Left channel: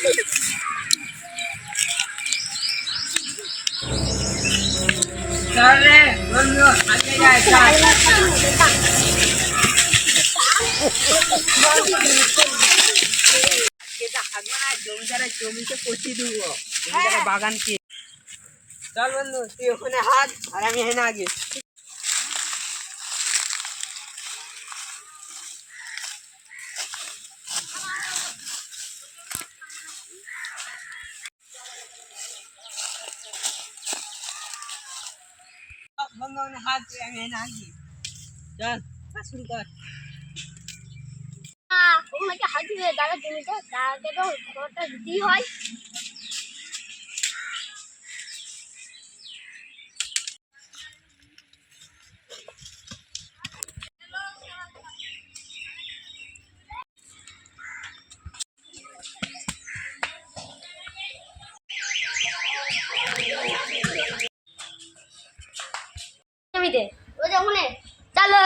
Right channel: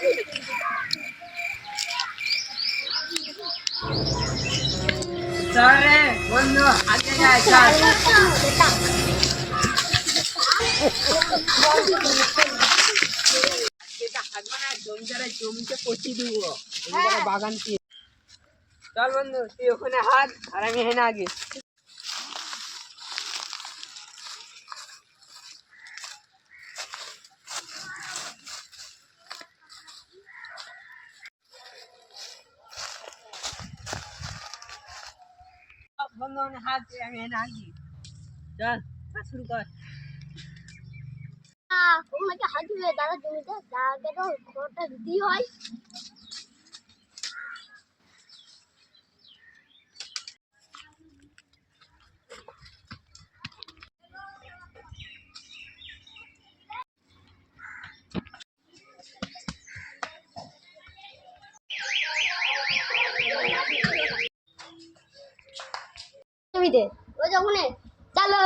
চল রে বন্ধু, আগে যাই চল। জমিদারের জমিতে পচিয়ে দেবো, জমিদারের বাগান কি। চল বন্ধু, তুই ওখানে হাত আর আমি হেনা আগে। বন্ধু ওখানে হাত, আমি হেনা আগে। চল কাজ শুরু কর। ওনাকে হাত দিবে দাদা জমিতে, দাদাকে তো খবরটা দিতেই হয়। জমিতে ওই যে ওখানে চলো।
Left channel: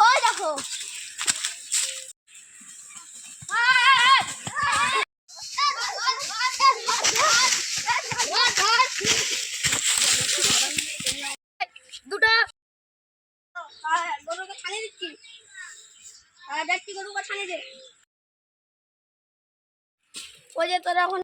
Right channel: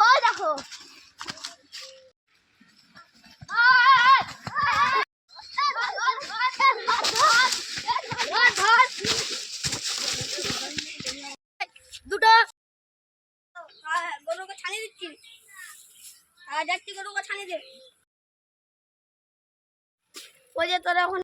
ওই দেখো দুটো গরুকে ছানিয়ে দিচ্ছি, যাচ্ছি গরুকে ছানিয়ে দে। ওই যে তোরা এখন